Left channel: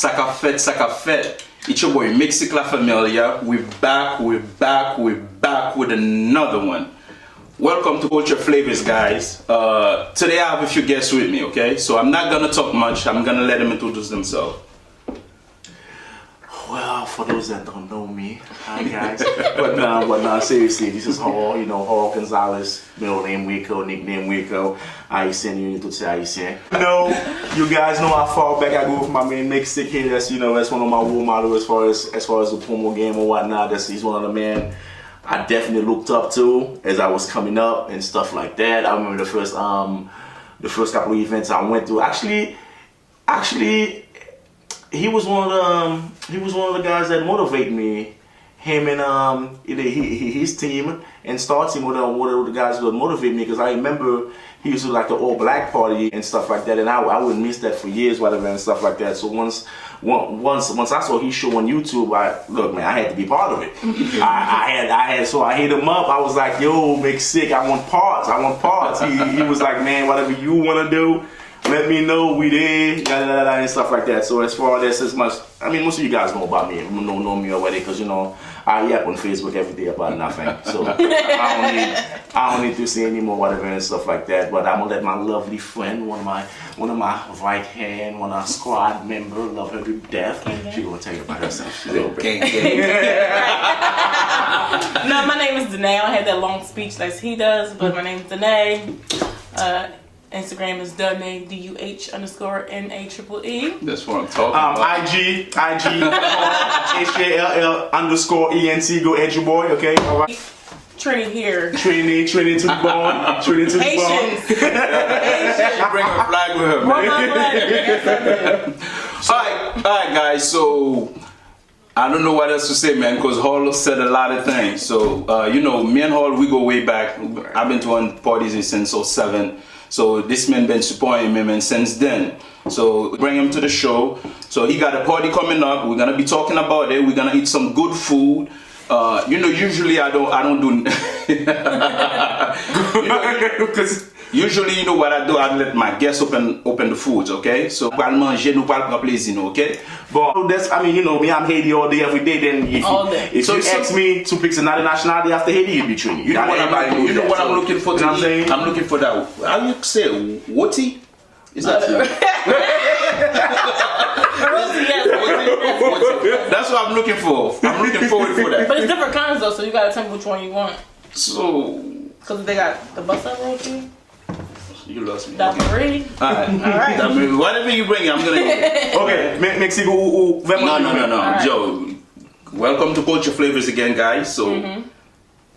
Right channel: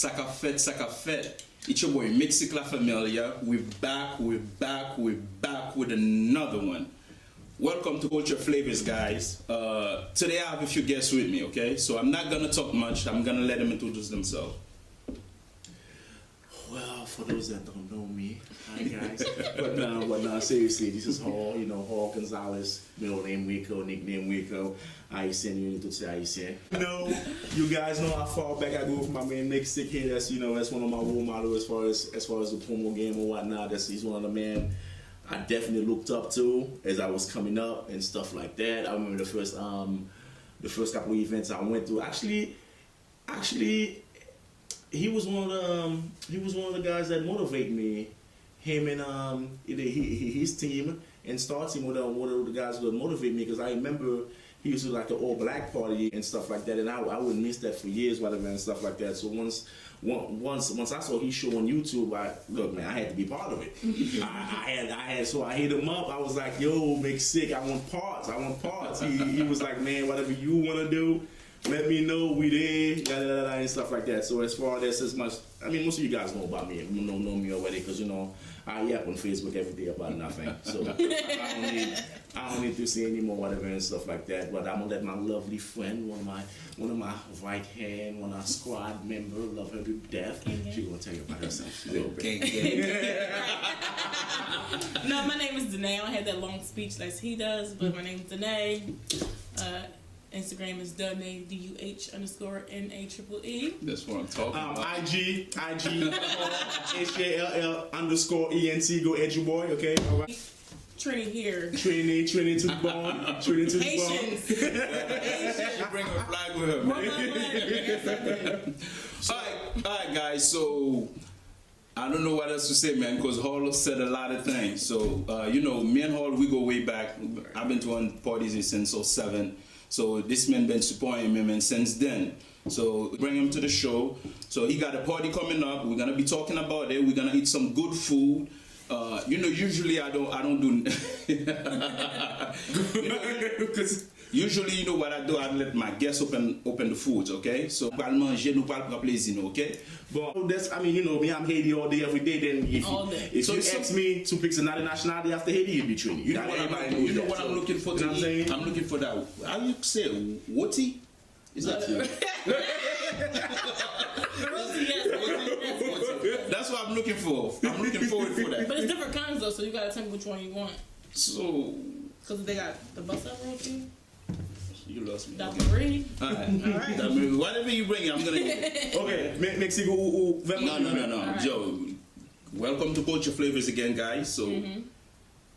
Saka Fête. It's your boy Mixi La Familia. We're back with another one. Welcome to Culture Flavors, guys. Today I have a few guests with me, okay? So I'm not gonna talk much. I'm gonna let them introduce themselves. Well, for those that don't know me, hi guys. but seriously, this is Hall, Hall Gonzalez, middle name Waco, nickname Waco. Haitian, you need to say Haitian. You guys know how far back I go with my man Nick Stick here. That's one of my role models as far as the promo game or whatnot. He's one of the men I definitely looked up to as I was coming up and stuff like that. I remember the first couple of events I went to. Actually. He was one of the guys that motivated me. Him and his team and Star Team were the guys that motivated me, because I remember he used to like the all black party and stuff like that, and I wouldn't miss that for years, whatever, and stuff like that. So once I saw his show on YouTube, I had to be part of it. So I hit him up. I was like, yo, make sick. I want parts. He was like, man, whatever you want to do, let me know, we there, and stuff like that. So as far as as much, most of you guys know about me, know me already, because I yap on Facebook every day about nothing. So I don't need to say any more, whatever, and stuff like that. But I'm gonna let my lovely friend, one of my right hand, one of our squad member, love her to death. She gonna tell you about herself. Okay. No, my name is Danae. I don't have that long speech like he does, but my name is Danae. Instagram is Danae, DUH_NAEEE. That's what I'm talking about. IG, HALL_ENT. Go ahead, your boy, okay? All right. Trini here. Trini to the bone. Trini to the bone. Haitians. She bring her flag with her, man. All right, guys. So I don't know what else to say, man, because Hall said a lot of things. So me and Hall, we go way back. I've been to one parties since 2007. So this man been supporting me, man, since then. So bring him to the show. So he got a party coming up. We're gonna be talking about it. We're gonna eat some good food. Usually I don't do. Because usually, what I do, I let my guests open the foods, okay? So nous manger, nous prendre plaisir, okay? But that's, me, I'm Haiti all day, every day. Then if you ask me to pick another nationality after Haiti, you'd be Trini. You know what I'm looking for? You know what I'm saying? I'm looking for that. How you say Woti? Is that That's what I'm looking for. I'm looking forward for that. But it's different kinds though, so you gotta tell me which one you want. So, because they got the bus up roti. You lost me. Dappery. Alright. Whatever you bring, I'm gonna eat. Okay, Mexico. No. Right. Joe, welcome to Culture Flavors again, guys. So.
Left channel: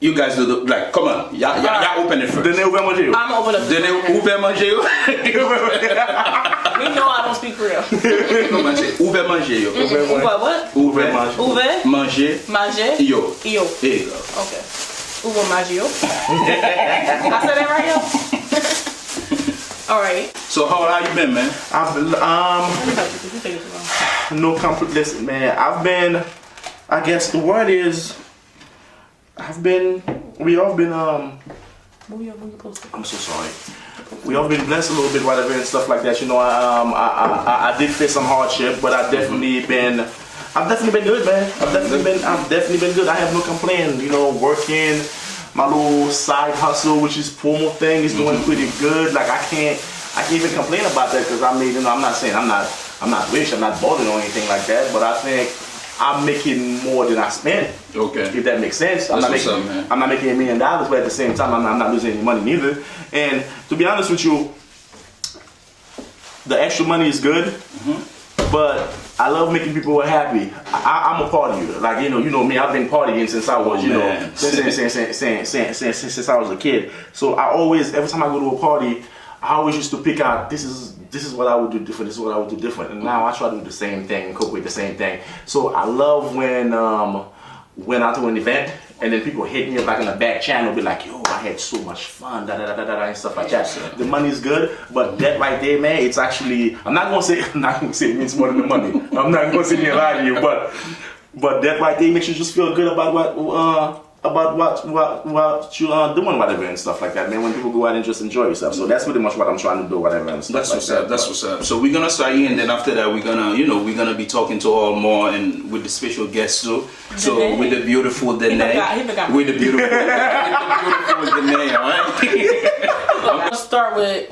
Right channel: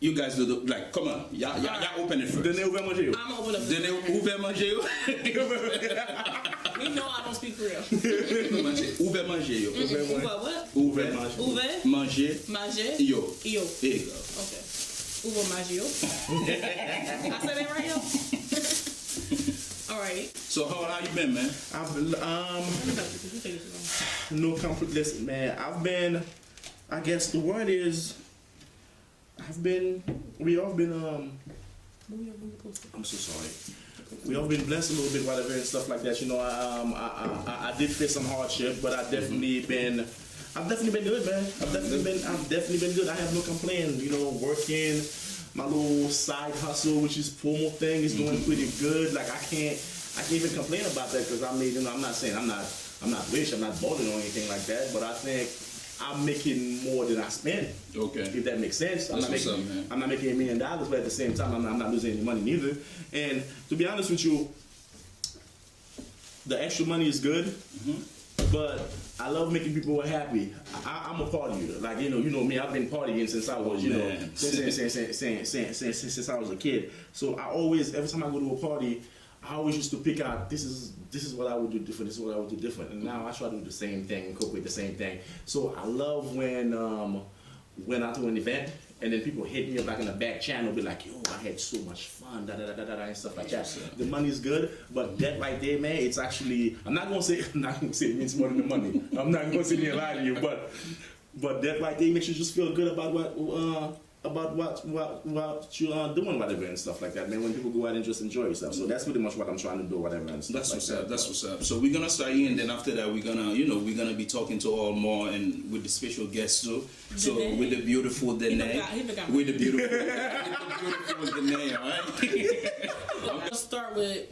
You guys do come on, y'all open it first. I'm gonna open up. Ouvert manger. We know I don't speak real. Ouvert manger. Ouvert what? Ouvert manger. Ouvert manger. Manger. Yo. There you go. Okay. Ouvert manger. I said that right, yo? All right. So how you been, man? I've been, no comfort. Listen, man, I've been, I guess the word is, we all been, I'm so sorry. We all been blessed a little bit, whatever, and stuff like that. I did face some hardship, but I've definitely been good, man. I've definitely been good. I have no complaint. Working my little side hustle, which is promo thing, is doing pretty good. Like I can't even complain about that, because I'm not saying I'm not rich, I'm not balling or anything like that, but I think I'm making more than I spend. Okay. If that makes sense. I'm not making $1 million, but at the same time, I'm not losing any money neither. And to be honest with you, the extra money is good, but I love making people happy. I'm a partier. Like, you know me, I've been partying since I was, since I was a kid. So every time I go to a party, I always used to pick out, this is what I would do different, this is what I would do different. And now I try to do the same thing, incorporate the same thing. So I love when I do an event and then people hit me up like in the back channel, be like, yo, I had so much fun, and stuff like that. The money's good, but that right there, man, it's actually, I'm not gonna say it means more than the money. I'm not gonna sit here and lie to you, but that right there makes you just feel good about about what you doing, whatever, and stuff like that, man. When people go out and just enjoy yourself, so that's pretty much what I'm trying to do, whatever, and stuff That's like what's that. up. That's what's up. So we're gonna start here, and then after that, we're gonna be talking to all more and with the special guests too. So Danae? with the beautiful Danae, He forgot. with the beautiful Danae, all right? Let's start with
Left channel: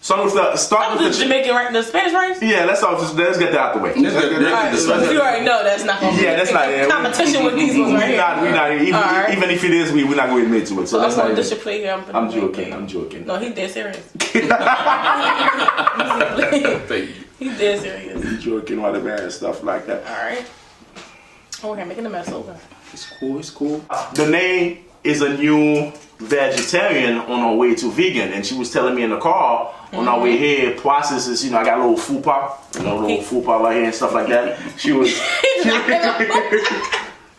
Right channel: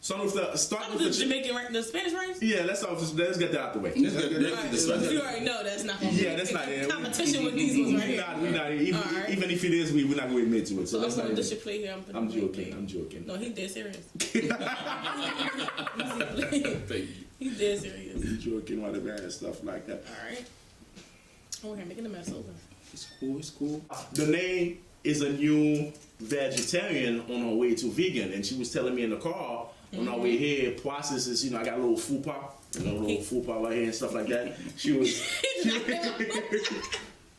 So start the with the Jamaican rice, the Spanish rice. yeah. Let's get that out the way. Let's get Alright, this so one. you already know that's not gonna be Yeah, that's not it. competition with these ones right here. We're not even, Alright. even if it is, we're not going to admit to it. So that's not This it. should play here. I'm joking. I'm joking. No, he's dead serious. He's dead serious. I'm joking, whatever, and stuff like that. Alright. Okay, making a mess over. It's cool. It's cool. Danae is a new vegetarian on her way to vegan, and she was telling me in the car on our way here, processes, I got a little fupa, little fupa right here and stuff like that. She was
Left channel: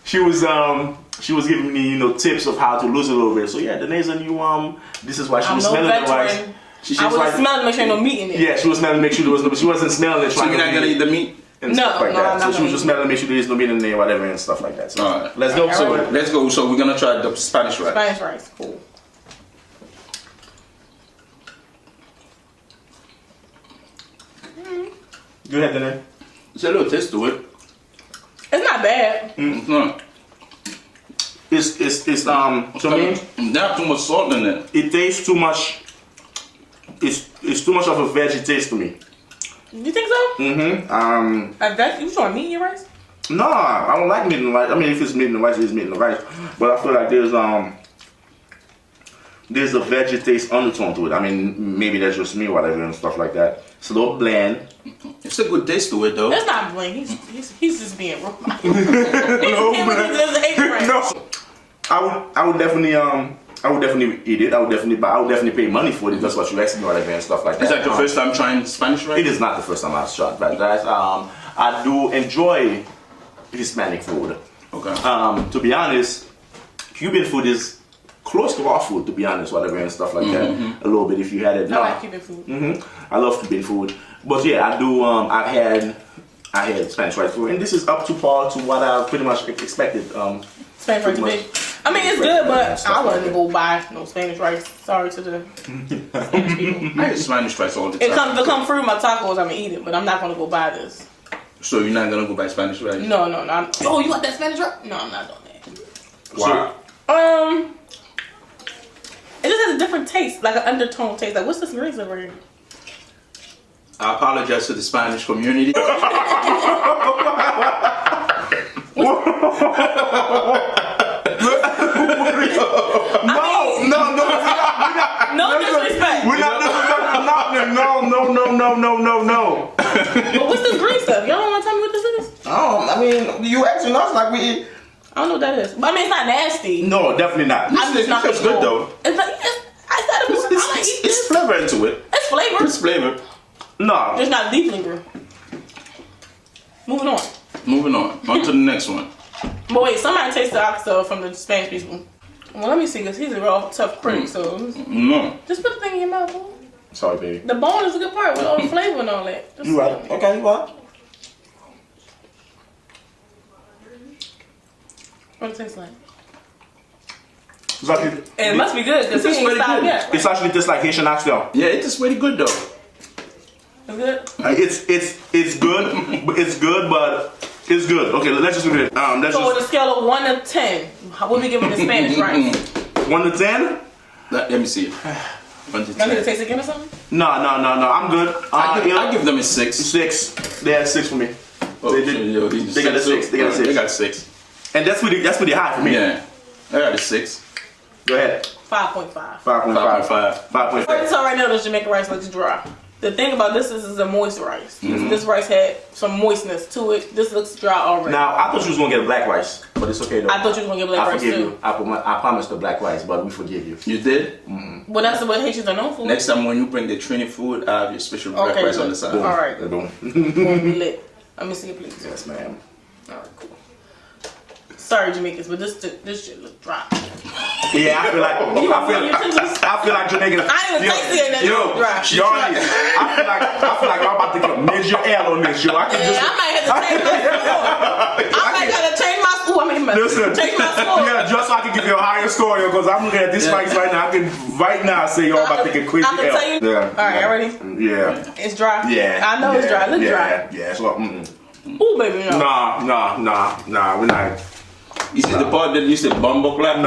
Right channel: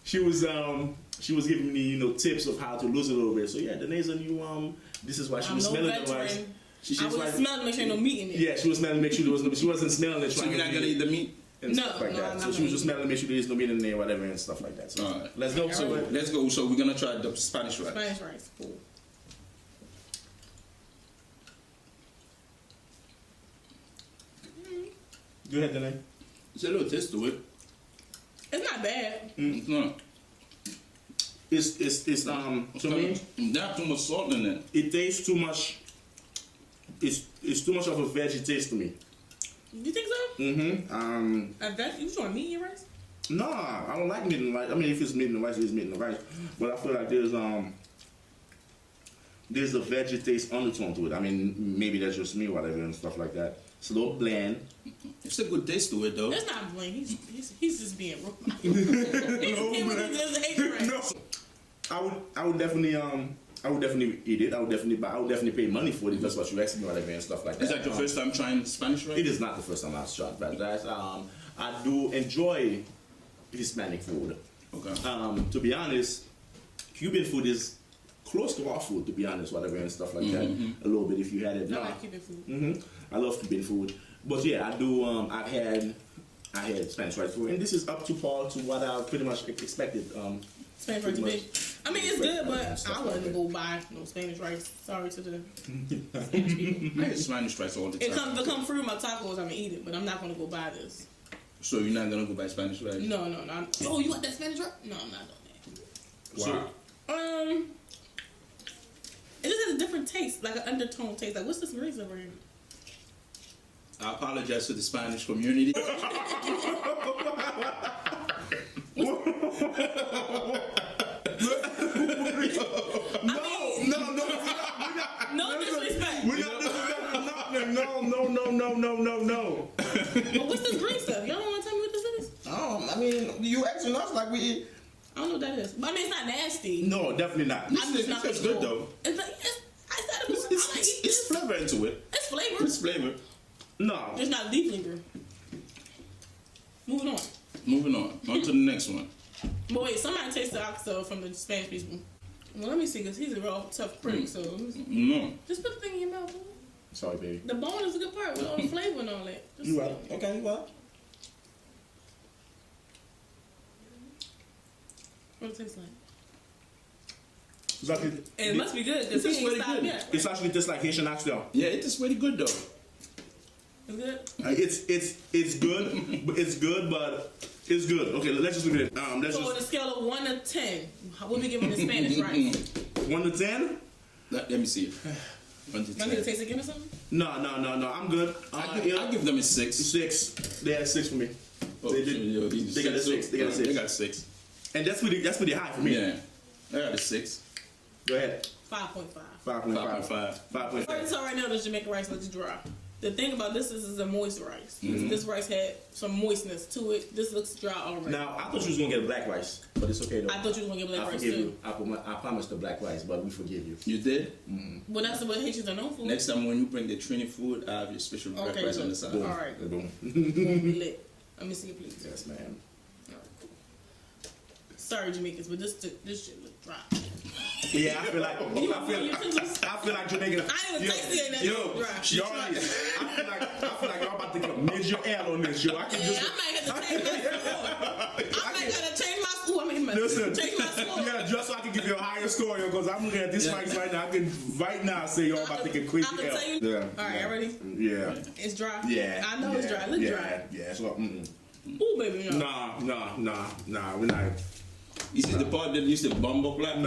she was giving me, tips of how to lose a little bit. So yeah, Danae's a new this is why she was smelling the rice. I was smelling to make sure no meat in it. Yeah, she was smelling to make sure there was no, but she wasn't smelling it. So you're not gonna eat the meat? And stuff like that. I'm So not she was gonna just smelling to make sure there's no meat in there, whatever, and stuff like that. So All right. let's go. All So right. Let's go. So we're gonna try the Spanish rice. Spanish rice, cool. go ahead, Danae. It's a little taste to it. It's not bad. It's not. It's to me, Not too much salt in it. it tastes too much. It's too much of a veggie taste to me. You think so? Mm-hmm. You throwing meat in your rice? No, I don't like meat in the rice. I mean, if it's meat in the rice, it's meat in the rice. But I feel like there's a veggie taste undertone to it. I mean, maybe that's just me, whatever, and stuff like that. It's a little bland. It's a good taste to it though. That's not bling. He's just being wrong. No, I would definitely eat it. I would definitely pay money for it if that's what you asked me, whatever, and stuff like that. Is that your first time trying Spanish rice? It is not the first time I've tried that. I do enjoy Hispanic food. Okay. To be honest, Cuban food is close to our food, to be honest, whatever, and stuff like that. A little bit if you had it. I like Cuban food. I love Cuban food. But yeah, I do, I had Spanish rice food, and this is up to par to what I pretty much expected. Spanish rice big. I mean, it's good, but I wouldn't go buy no Spanish rice. Sorry to the Spanish people. I eat Spanish rice all the time. If it come through my tacos, I'm gonna eat it, but I'm not gonna go buy this. So you're not gonna go buy Spanish rice? No. Oh, you want that Spanish rice? No, I'm not doing that. Wow. It just has a different taste, like an undertone taste. Like, what's this grease over here? I apologize to the Spanish community. No disrespect. We're not no. But what's this green stuff? Y'all don't want to tell me what this is? I mean, you asking us like we eat. I don't know what that is. But I mean, it's not nasty. No, definitely not. I'm just not It's good though. It's like, I said it was. I like eat It's this. flavor into it. It's flavor. It's flavor. No. It's not deep flavor. Moving on. Moving on to the next one. But wait, somebody tasted the oxtail from the Spanish people. Well, let me see, because he's a real tough critic, so No. just put the thing in your mouth, boy. Sorry, baby. The bone is a good part with all the flavor and all that. Just You right. Okay, you right. what it tastes like. It's actually, And it must be good, because It's he ain't pretty stopped good. yet. it's actually just like Haitian oxtail. Yeah, it is pretty good though. It's good? It's good, but it's good. Okay, let's just do this. That's So on just a scale of 1 to 10, what we giving the Spanish rice? 1 to 10. Let me see. 1 to Y'all need to 10. taste again or something? No. I'm good. I give them a 6. 6. They had 6 for me. Oh, They got a 6. They got a 6. They got a 6. And that's pretty high for me. Yeah. I got a 6. Go ahead. 5.5. 5.5. 5.5. 5.5. So right now, this Jamaican rice looks dry. The thing about this is a moist rice. This rice had some moistness to it. This looks dry already. Now I thought you was gonna get a black rice, but it's okay though. I thought you was going to get black I rice forgive too. you. I promised the black rice, but we forgive you. You did? Well, that's what Haitians are known for. Next time when you bring the Trini food, I have your special black Okay, rice on good. the side. All right. Boom. Won't be lit. Let me see it, please. Yes, ma'am. All right, cool. Sorry, Jamaicans, but this shit look dry. Yeah, I feel like Jamaican. I ain't even tasted it. That Yo, look dry. y'all, I feel like y'all about to get a major L on this, yo. I can Yeah, just. I might have to change my food. I might gotta change my food. I mean, Listen, Change my score. yeah, just so I can give you a higher score, because I'm looking at this rice right now. I can right now say y'all about to take a quick I can L. tell you. Yeah. All right, yeah. ready? Yeah. It's dry. Yeah. I know it's dry. Look dry. Yeah. So, Ooh, baby, no. Nah. We're not. You see the part that you said bumbo clap?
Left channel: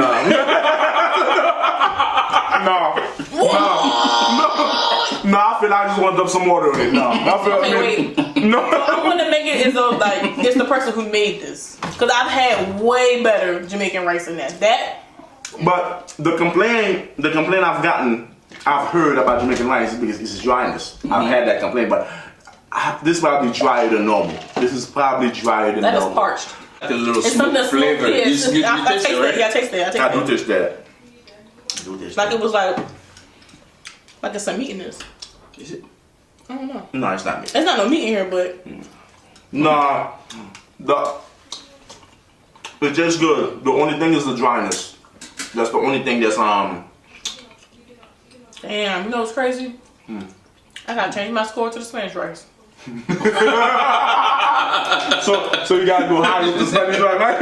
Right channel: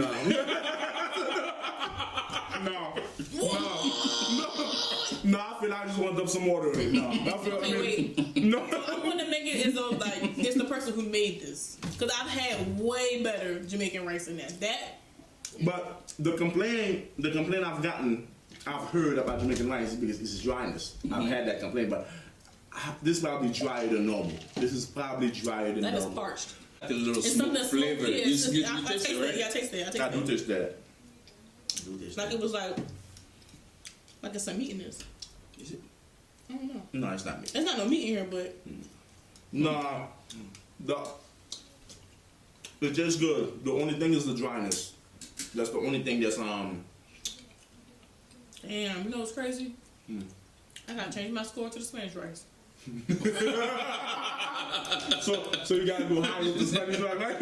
No, I feel like I just want to dump some water on it. No, I feel Okay, wait. No. So I'm gonna make it as though like it's the person who made this, because I've had way better Jamaican rice than that. But the complaint I've heard about Jamaican rice is because it's dryness. I've had that complaint, but this is probably drier than normal. This is probably drier than That normal. is parched. The little It's smooth something that's flavor. smooth. You I taste taste it, right? it. Yeah, I taste it. I do taste that. Like it was like it's some meat in this. Is it? I don't know. No, it's not me. There's not no meat in here, but Nah, it tastes good. The only thing is the dryness. That's the only thing that's damn, you know what's crazy? I gotta change my score to the Spanish rice. So you gotta go higher with the Spanish rice, right?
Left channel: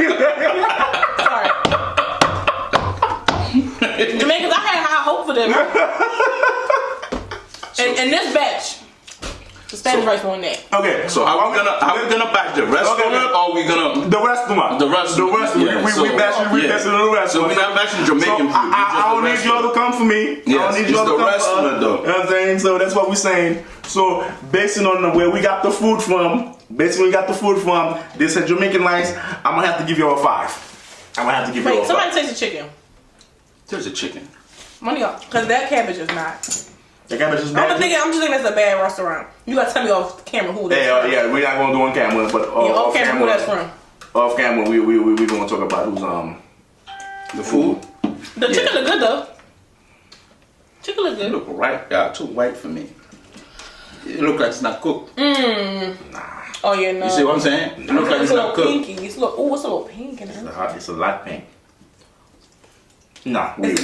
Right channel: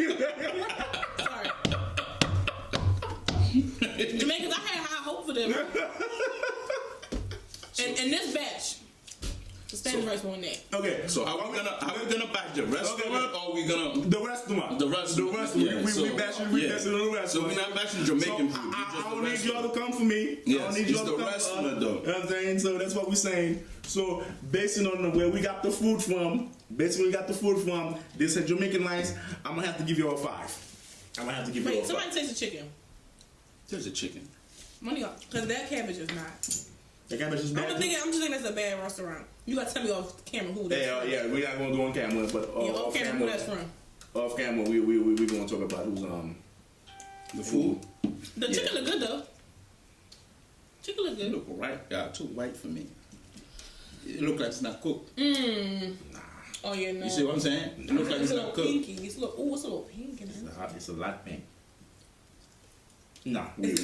Sorry. Jamaicans, I had high hope for them. And this batch, the Spanish rice won that. Okay. So how we gonna back the restaurant, or we gonna The restaurant. The restaurant. Yeah, We so- bashing the restaurant. So we're not bashing Jamaican food. I don't need y'all to come for me. I Yes, don't need it's y'all to the come restaurant, for us. though. You know what I'm saying? So that's what we're saying. So basing on where we got the food from, this is Jamaican rice. I'm gonna have to give y'all a 5. I'm gonna have to give y'all Wait, a 5. somebody taste the chicken. There's a chicken. Money off, because that cabbage is not. The cabbage is I'm bad. just thinking that's a bad restaurant. You gotta tell me off camera who that's from. Yeah, we're not gonna do on camera, but Off camera who that's from. Off camera, we gonna talk about who's The food. The chicken look good though. Chicken look It good. look right. Yeah, too white for me. It look like it's not cooked. Oh yeah, no. You see what I'm saying? It look like It's it's a not little cooked. pinky. It's a little pink in it. It's a lot pink. Nah, we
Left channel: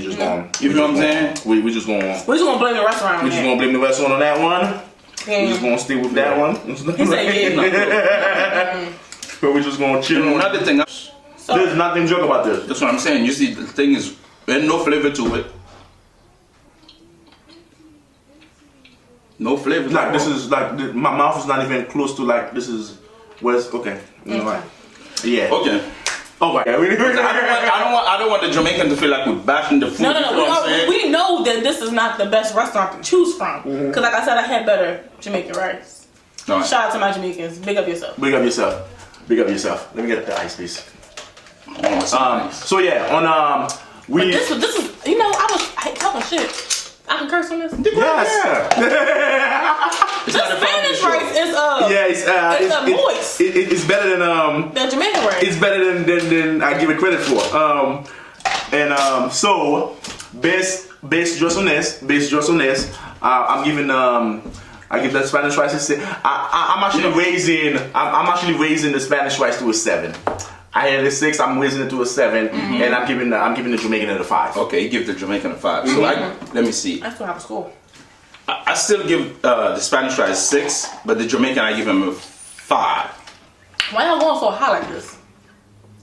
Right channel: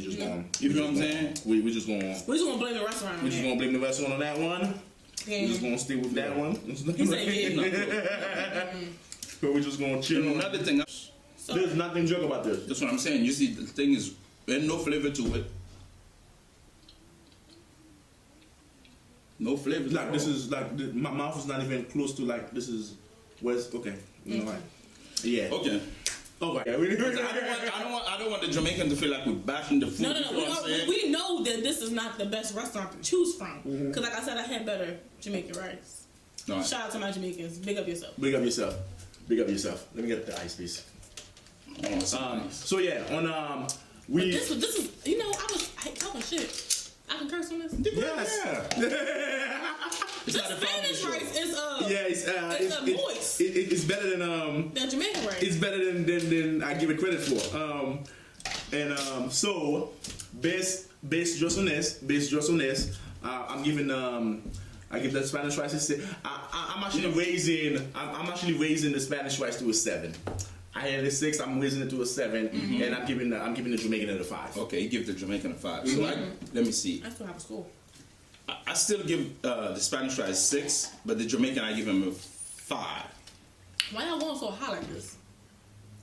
just gonna. You feel what I'm saying? We just gonna. We're just gonna blame the restaurant. We just gonna blame the restaurant on that one. Yeah. We just gonna stay with that one. He said yeah. So we just gonna chill on. Another thing. So, There's nothing joke about this. That's what I'm saying. You see, the thing is, there's no flavor to it. No flavor. Like this is like my mouth is not even close to like this is where's okay. You know what? Yeah. Okay. Oh my god. I don't want the Jamaican to feel like we're bashing the food. no. You know what I'm saying? We know that this is not the best restaurant to choose from. Because like I said, I had better Jamaican rice. All right. Shout out to my Jamaicans. Big up yourself. Big up yourself. Big up yourself. Let me get the ice, please. Oh, it's nice. So yeah, on we. This is you know I hate talking shit. I can curse on this. Yes. It's The not a family Spanish show. rice is Yeah, it's moist. It's better than The Jamaican rice. It's better than I give it credit for. So based just on this, I'm giving I give the Spanish rice a 6. I'm actually raising the Spanish rice to a 7. I had a 6. I'm raising it to a 7, and I'm giving the Jamaican a 5. Okay, you give the Jamaican a 5. So let me see. I still have a score. I still give the Spanish rice 6, but the Jamaican I give him a 5. Why y'all going so high like this?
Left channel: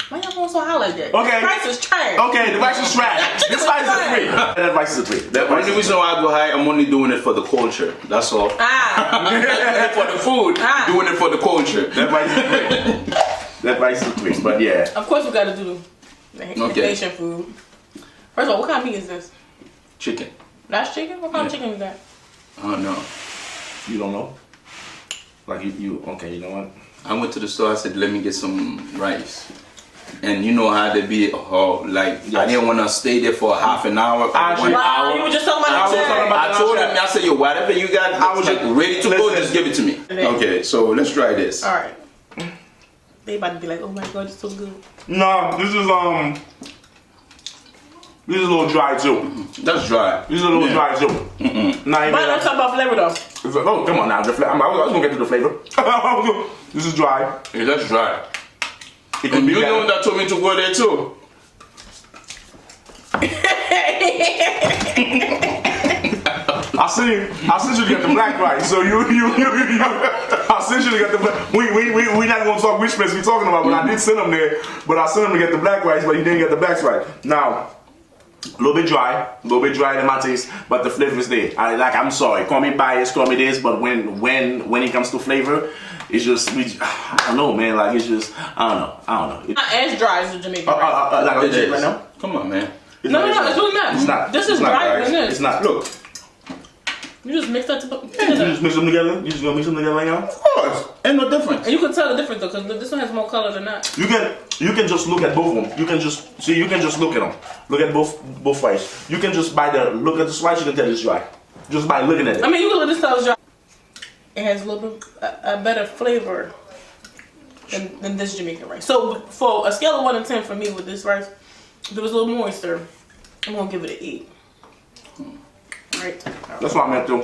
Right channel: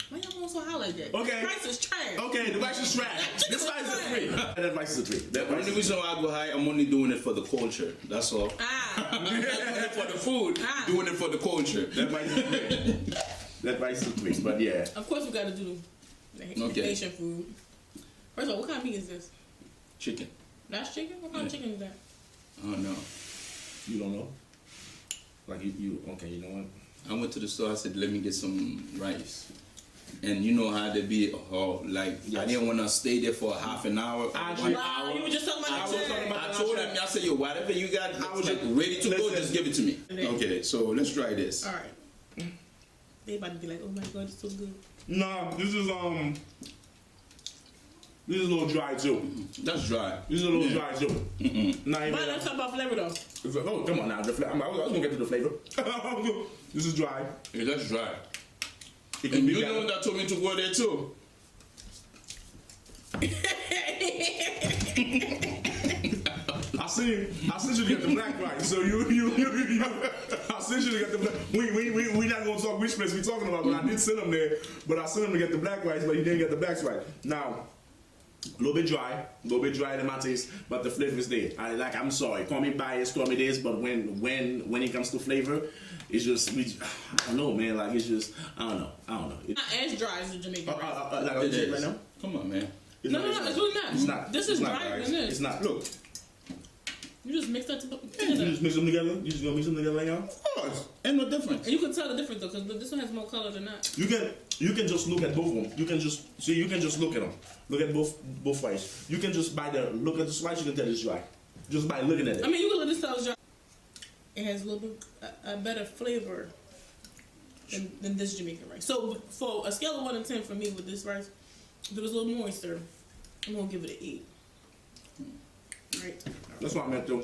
Why y'all going so high like that? Okay. The rice is trash. Okay, the rice is trash. Chicken This rice is a 3. trash. That rice is a 3. That The rice only is reason why I go high, I'm only doing it for the culture. That's all. Ah. I'm not doing it for the food. Ah. Doing it for the culture. That rice is a 3. That rice is a 3. But yeah. Of course we gotta do the Okay. Haitian food. First of all, what kind of meat is this? Chicken. That's chicken? What kind of chicken is that? I don't know. You don't know? Like you okay, you know what? I went to the store. I said, "Let me get some rice." And you know how they be, I didn't want to stay there for half an hour, Actually, 1 Wow, hour. you were just talking about I was talking about I told him, I said, yo, whatever you got, I was like just- ready to go, listen. just give it to me. Okay, so let's try this. Alright. They about to be like, oh my god, it's so good. No, this is a little dry too. That's dry. This is a little Yeah. dry too. Not even. But let's talk about flavor though. Oh, come on now. I was gonna get to the flavor. This is dry. Yeah, that's dry. It could And be you're the better. one that told me to go there too. I sent you to get the black rice. So you I sent you to get the black. We not gonna talk which place we talking about, but I did send him there. But I sent him to get the black rice, but he didn't get the black rice. Now, a little bit dry in my taste, but the flavor is there. I'm sorry, call me biased, call me this, but when it comes to flavor, it's just I don't know, man. Like it's just I don't know. It's not as dry as the Jamaican rice. Like It is. right now. Come on, man. No, it's really not. It's not. This is It's not, drier guys. than this. It's not. Look. You just mix that You together. just mix them together? You just gonna mix them together right now? Of course. Ain't no difference. And you can tell the difference though, because this one has more color than that. You can just look at both of them. You can just look at them. Look at both rice. You can just look at the slice, you can tell it's dry. Just by looking at it. I mean, you can look at this tell it's dry. It has a little bit a better flavor than this Jamaican rice. So for a scale of 1 to 10 for me with this rice, if it was a little moister, I'm gonna give it an 8. Right. That's what I meant to.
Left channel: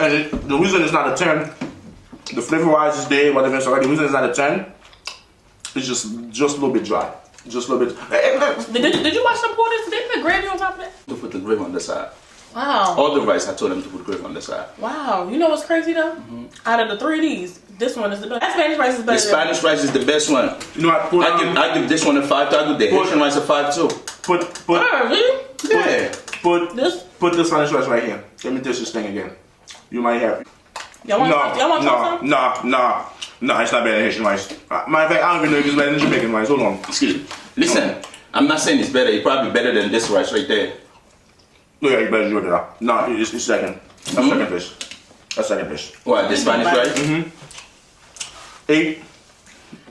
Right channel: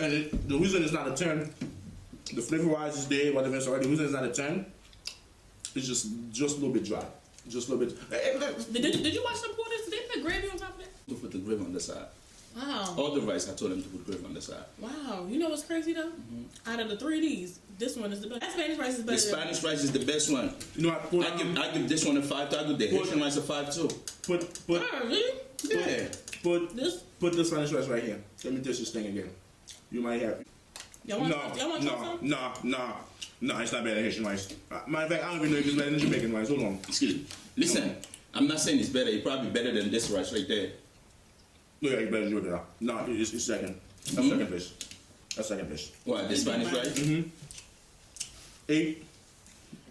And the reason it's not a 10, the flavor wise is there, whatever it's already. The reason it's not a 10, it's just a little bit dry. Just a little bit. Did you watch them pour this? Did they put gravy on top of that? To put the gravy on the side. Wow. All the rice, I told them to put gravy on the side. Wow. You know what's crazy though? Out of the 3 of these, this one is the best. That Spanish rice is better. The Spanish rice is the best one. You know what? I give this one a 5 too. I give the Haitian rice a 5 too. Put Oh, really? Yeah. put This? the Spanish rice right here. Let me taste this thing again. You might have. Y'all want to try some? No, it's not better than Haitian rice. Matter of fact, I don't even know if it's better than Jamaican rice. Hold on. Excuse me. Listen, I'm not saying it's better. It's probably better than this rice right there. No, yeah, you better do it. No, it's second. That's second place. That's second place. What, the Spanish rice? 8,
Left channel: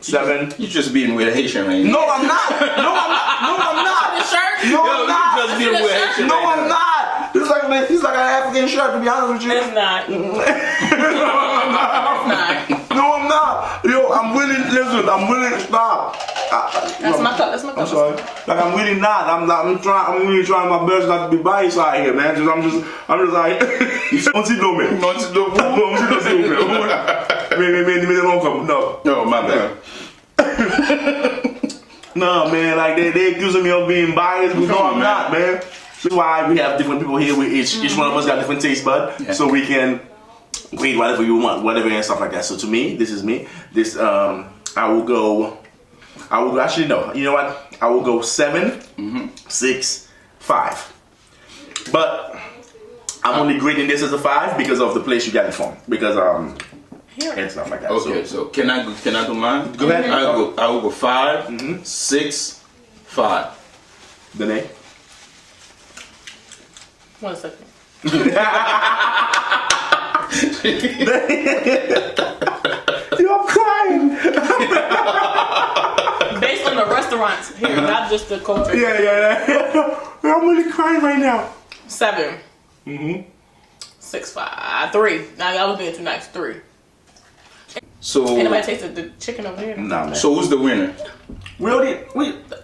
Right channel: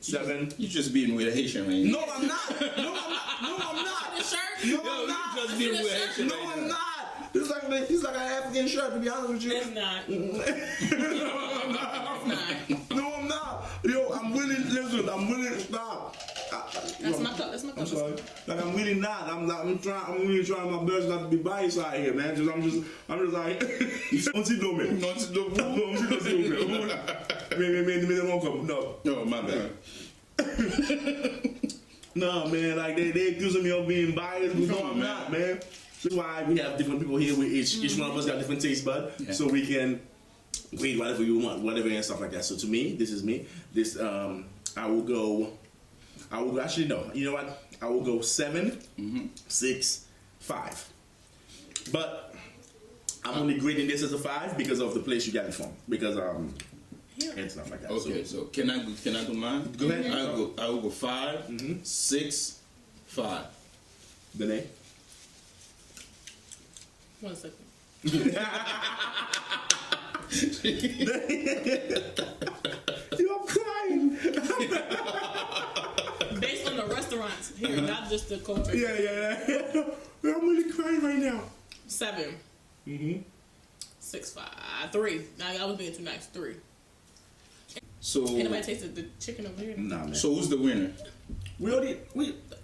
7. You just being with a Haitian right now. No, I'm not. No, I'm not. The shirt? No, Yo, I'm you not. just being with a Haitian No, right I'm now. not. He's like an African shirt, to be honest with you. It's not. No, Not. I'm not. Yo, I'm willing. Listen, I'm willing. Stop. That's my cup. That's my cup. I'm sorry. Like I'm really not. I'm really trying my best not to be biased out here, man. I'm just like. On t'y do, man. Non, tu dois Non, s'il vous plaît. Mais non, comme no. No, my bad. No, man. Like they accusing me of being biased, but no, I'm not, man. That's why we have different people here. Each one of us got different taste bud, so we can read whatever you want, whatever and stuff like that. So to me, this is me. This I will go. Actually no. You know what? I will go 7, 6, 5. But I'm only grading this as a 5 because of the place you got it from. Because and stuff like that. Okay, so can I do mine? Go ahead. I will go 5, 6, 5. Danae? 1 second. Yo, I'm crying. Based on the restaurants here, not just the culture. Yeah. I'm really crying right now. 7. 6, 5, 3. Now I was being too nice. 3. So Anybody tasted the chicken over here? Nah, man. who's the winner?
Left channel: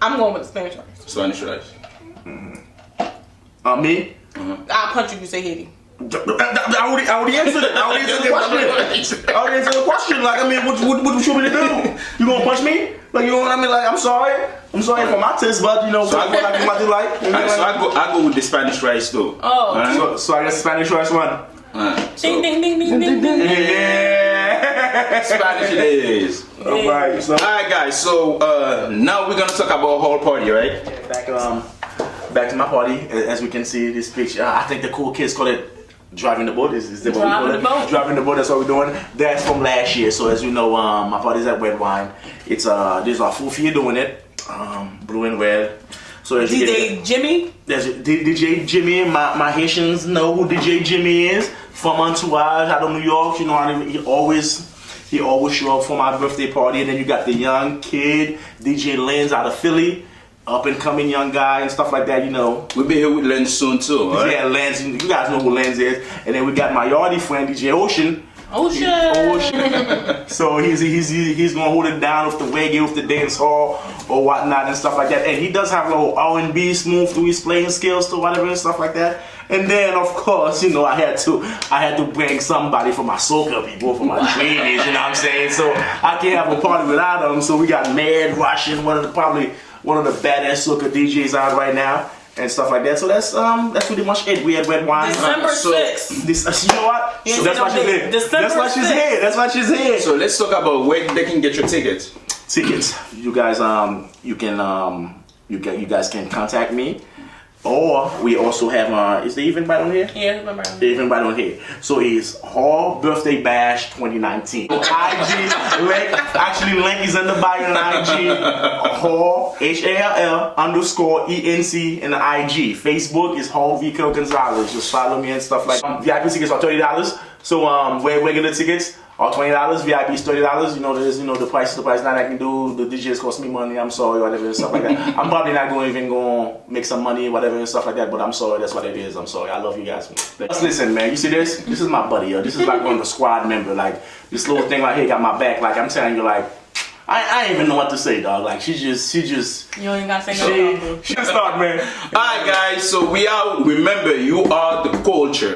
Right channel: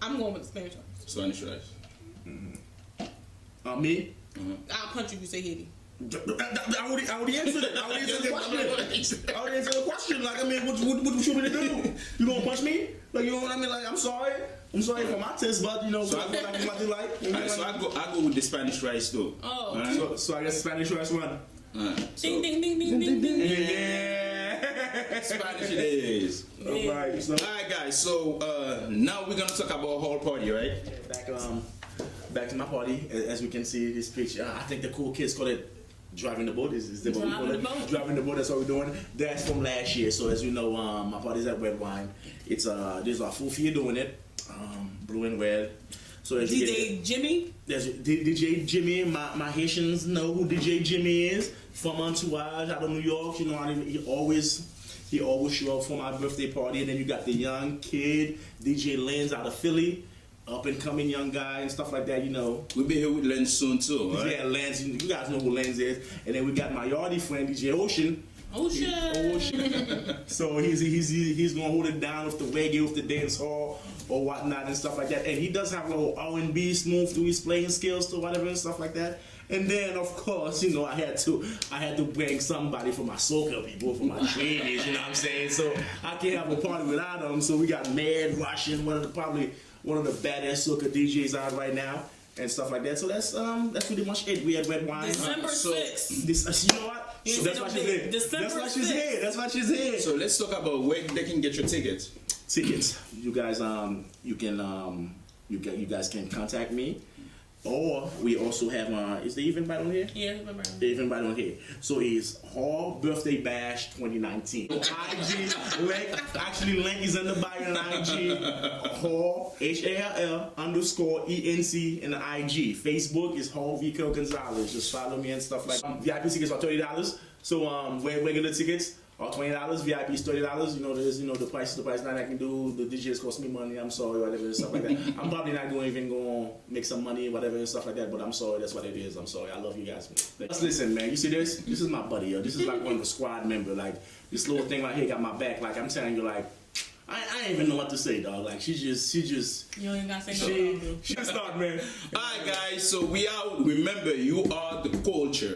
I'm going with the Spanish rice. Spanish rice. Me? I'll punch you if you say Haiti. I already answered it. I already answered the question. Like, I mean, what you want me to do? You gonna punch me? Like, you know what I mean? Like, I'm sorry for my taste, but you know, so I go like what you like. You know, Alright, so I go with the Spanish rice too. Oh. Alright? so I guess Spanish rice one. Alright, so Ding, ding, ding, ding, ding, ding. Yeah. Spanish it is. Alright, so Alright guys, so now we're gonna talk about whole party, right? back to my party. As we can see this picture, I think the cool kids call it driving the boat. Is that what we call it? Driving the boat. Driving the boat. That's what we're doing. That's from last year. So as you know, my party's at Red Wine. It's this is our 4th year doing it. Blue and red. So as you DJ Jimmy. there's DJ Jimmy. My Haitians know who DJ Jimmy is from Entourage out of New York. You know, he always show up for my birthday party. And then you got the young kid DJ Lenz out of Philly. Up and coming young guy and stuff like that, you know. We'll be here with Len soon too, right? Yeah, Lenz, you guys know who Lenz is. And then we got my yardie friend, DJ Ocean. Ocean. So he's gonna hold it down with the reggae, with the dance hall or whatnot and stuff like that. And he does have a little R&B smooth through his playing skills to whatever and stuff like that. And then of course, you know, I had to bring somebody for my soca people, for my dreamies, you know what I'm saying? So I can't have a party without them. So we got Mad Russian, one of the badass soca DJs out right now. and stuff like that. So that's pretty much it. We had red wine. December so- 6th. This, you know what? Yes, So that's why she's here. December That's why she's 6th. here. That's why she's here. So let's talk about where they can get your tickets. Tickets. You guys, you guys can contact me, or we also have. Is the event right on here? Yeah, remember. The event right on here. So it's Hall Birthday Bash 2019. IG link. Actually, link is in the bio on IG. Hall HALL_ENC in the IG. Facebook is Hall Vico Gonzalez. Just follow me and stuff like that. VIP tickets are $30. So regular tickets are $20. VIP is $30. You know, there's the price. The price that I can do. The DJs cost me money. I'm sorry, whatever and stuff like that. I'm probably not going to make some money, whatever and stuff like that. But I'm sorry. That's what it is. I'm sorry. I love you guys. Let's listen, man. You see this? This is my buddy, yo. This is like one of the squad member. Like this little thing right here got my back. Like I'm telling you, like I ain't even know what to say, dog. Like she just. You ain't gotta say no. She start, man. Alright guys, so we out. Remember, you are the culture.